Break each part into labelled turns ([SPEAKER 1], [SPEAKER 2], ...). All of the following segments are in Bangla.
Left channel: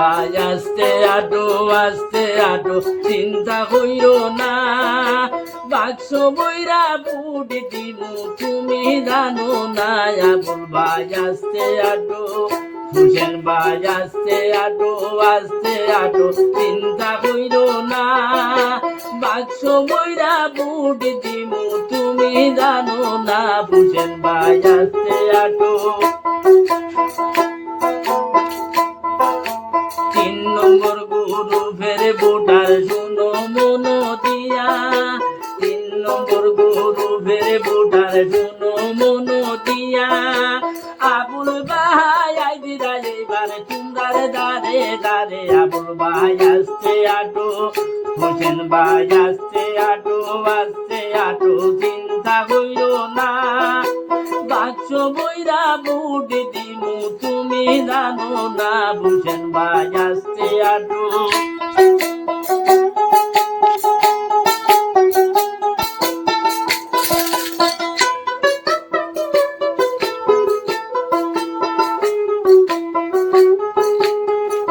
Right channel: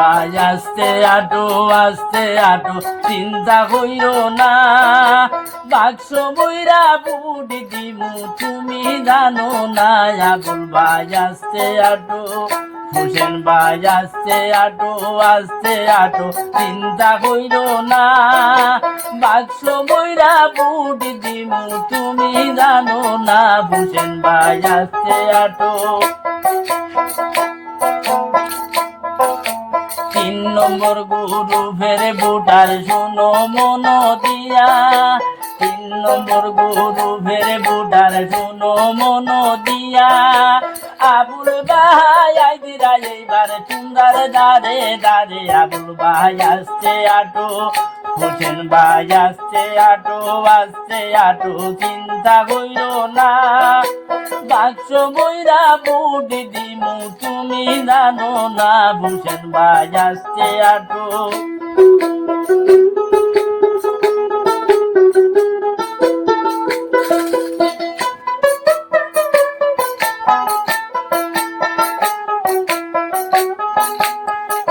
[SPEAKER 1] ভাই আস্তে, আটো আস্তে, আটো। চিন্তা কইরো না। বাক্স বইরা বুড়ি দিমু, তুমি জানো না। আবুল ভাই আস্তে, আটো। হুসেন ভাই আস্তে, আটো আস্তে, আটো। চিন্তা কইরো না। বাক্স বইরা বুড়ি দিমু, তুমি জানো না। হুসেন ভাই আস্তে, আটো। নম্বর গুরু ফেরে বুটার শোনো মন দিয়া। তিন নম্বর গুরু ফেরে বুটার শোনো মন দিয়া। আবুল ভাই আইদিরা এইবার চুন্দার দারে দারে আবুল ভাই আসছে আটো। হোসেন ভাই আসছে আটো আসছে আটো, চিন্তা হইল না। বাক্স বইরা বুড়ি দিমু, তুমি জানো না বুঝেন ভাই আসছে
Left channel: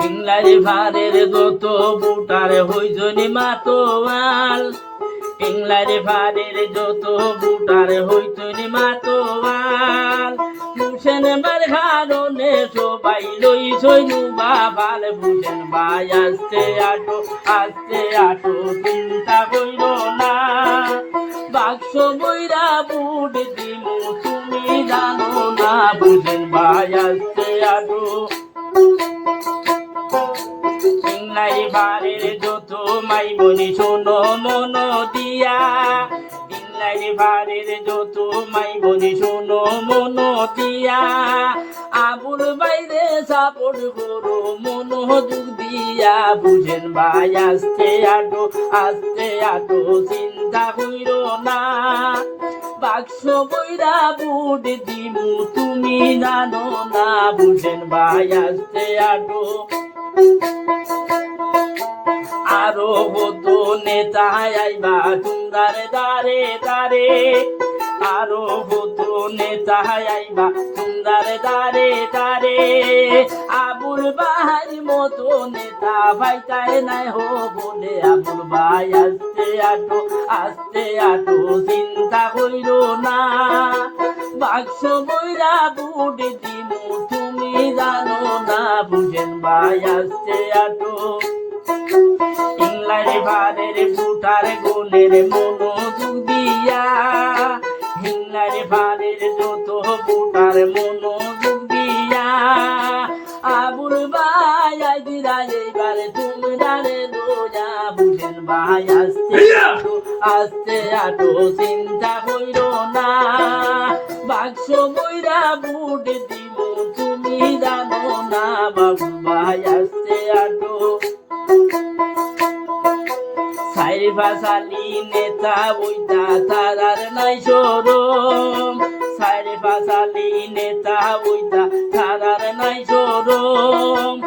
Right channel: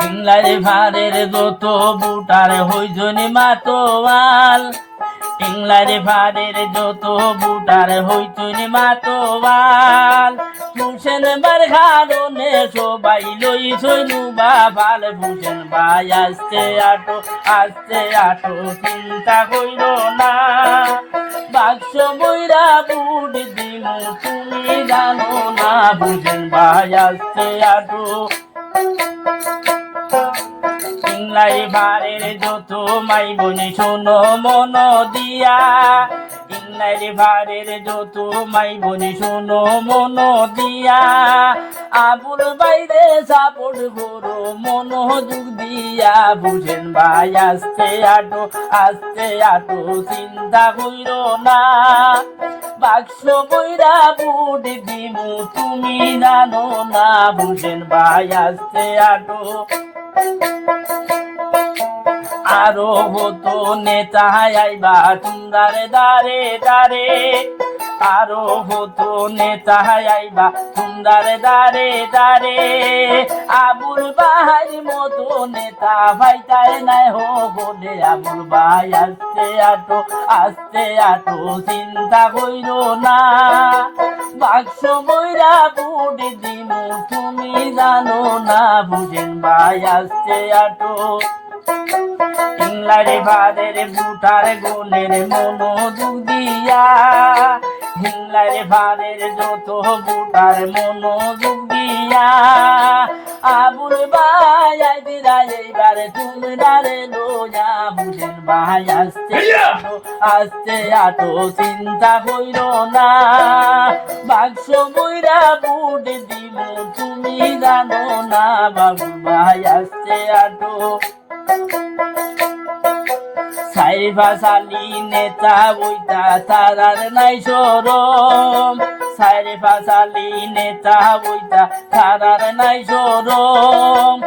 [SPEAKER 1] ইংলারি ভারের যত বুটার হইজনি মাতোয়াল। ইংলারি ভারের যত বুটার হইতুনি মাতোয়াল। ভূষণ খাননে সবাই লই সনুবা ভালো ভূষণ ভাই আসতে আটো আসতে আটো, চিন্তা কইর না। বাক্স বইরা বুট দিমু, তুমি জানো না ভূষণ ভাই আসতে আটো। ইংলাই ভারের যত মাই বনি শোনো মন দিয়া। ভারের যত মাই বনি শোনো মন দিয়া। আবুল বাইরে সাপোর্ট করো, মন যুগ দিয়া। বুঝেন ভাই, আস্তে আটো আস্তে আটো, চিন্তা কইর না। বাক্স বইরা বুট দিমু, তুমি জানো না। বুঝেন ভাই, আস্তে আটো। আরও হতো নেতা আইবা, সুন্দর দারে দারে আরও হতো নেতা আইবা, সুন্দর দারে দারে আবুল ভাই মতো নেতা ভাইটাই নাই হো বলে, আবুল ভাই আস্তে আটো আস্তে আটো, চিন্তা কইর না। বাক্স বইরা বুট দিমু, তুমি জানো না, বুঝেন ভাই আস্তে আটো। ইংলারে ভাদের বুটার গুণের মনোযোগ দিয়া। হিংলারে ভাদের যত বুটার মনোযোগ দিয়া। আবুল ভাই আই দিদা এইবার তুমি দারে লোয়া বুঝেন ভাই আস্তে আস্তে আটো চিন্তা কইর না। বাক্স বইরা বুট দিব তুমি জানো না বাবু ভাই আস্তে আটো সাইফা সালি নেতা বইতা তারার নাই সরম। সাইফা সালি নেতা বইতা তারার নাই সরম।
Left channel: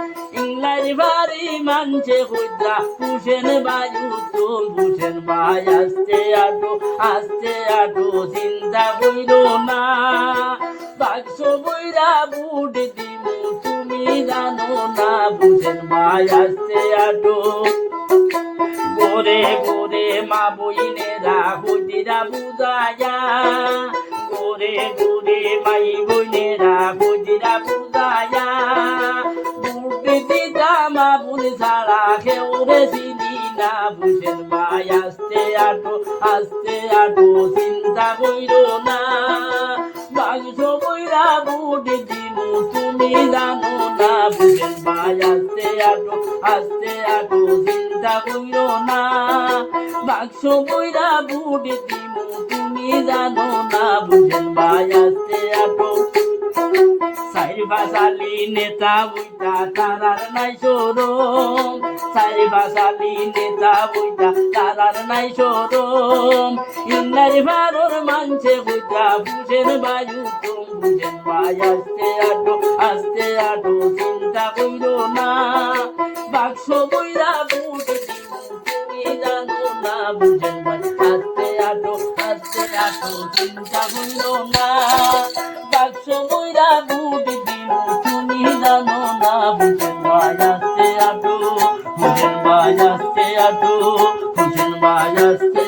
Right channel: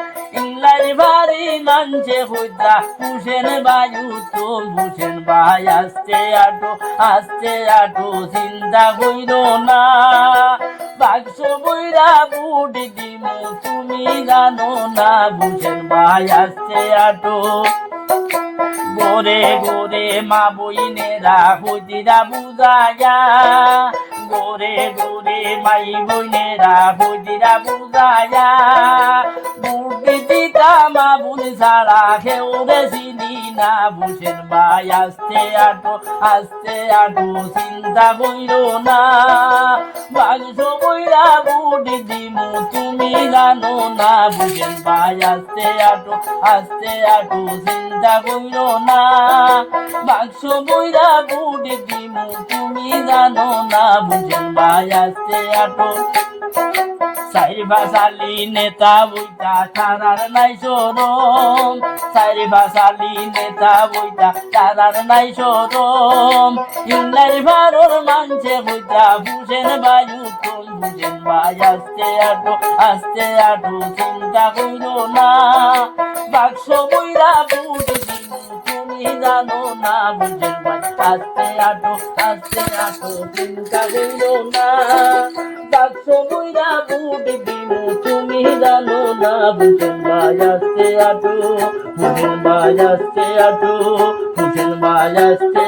[SPEAKER 1] ইংলার বাড়ি মানছে হুজা হুসেন বায়ু তোল হুসেন ভাই আস্তে আটো আস্তে আটো চিন্তা কইর না। বাক্স বইরা বুট দিব তুমি জানো না বুঝেন ভাই আস্তে আটো। গোরে গোরে মা বইনেরা হুদিরা বুঝায়া গোরে গোরে মাই বইনেরা হুদিরা বুঝায়া বুদ্ধি দিতা মা বুনি ছাড়া কেউ রে চিনি না বুঝেন ভাই আস্তে আটো আস্তে আটো, চিন্তা বইর না। মাংস বইরা বুড়ি দিমু, তুমি জানো না বুঝেন ভাই আস্তে আটো আস্তে আটো চিন্তা কইর না। বাক্স বইরা বুড়ি দিমু, তুমি জানো না, বুঝেন ভাই, আস্তে আটো। ভাসালি নেতা বইতা তারার নাই সরম। সাইর ভাসালি নেতা বইতা তারার নাই সরম। ইন্নার ভারর মানছে বইতা বুঝেন বায়ু কোন বুঝেন ভাই, আস্তে আটো আস্তে আটো চিন্তা কইর না, বাক্স বইরা বুঝি তুমি জানো না ভাই আস্তে আটো আস্তে আটো চিন্তা কইর না। বাক্স বইরা বুঝি তুমি জানো না ভাই আসছে আটু ভাই আসছে আটু হুসেন ভাই আসছে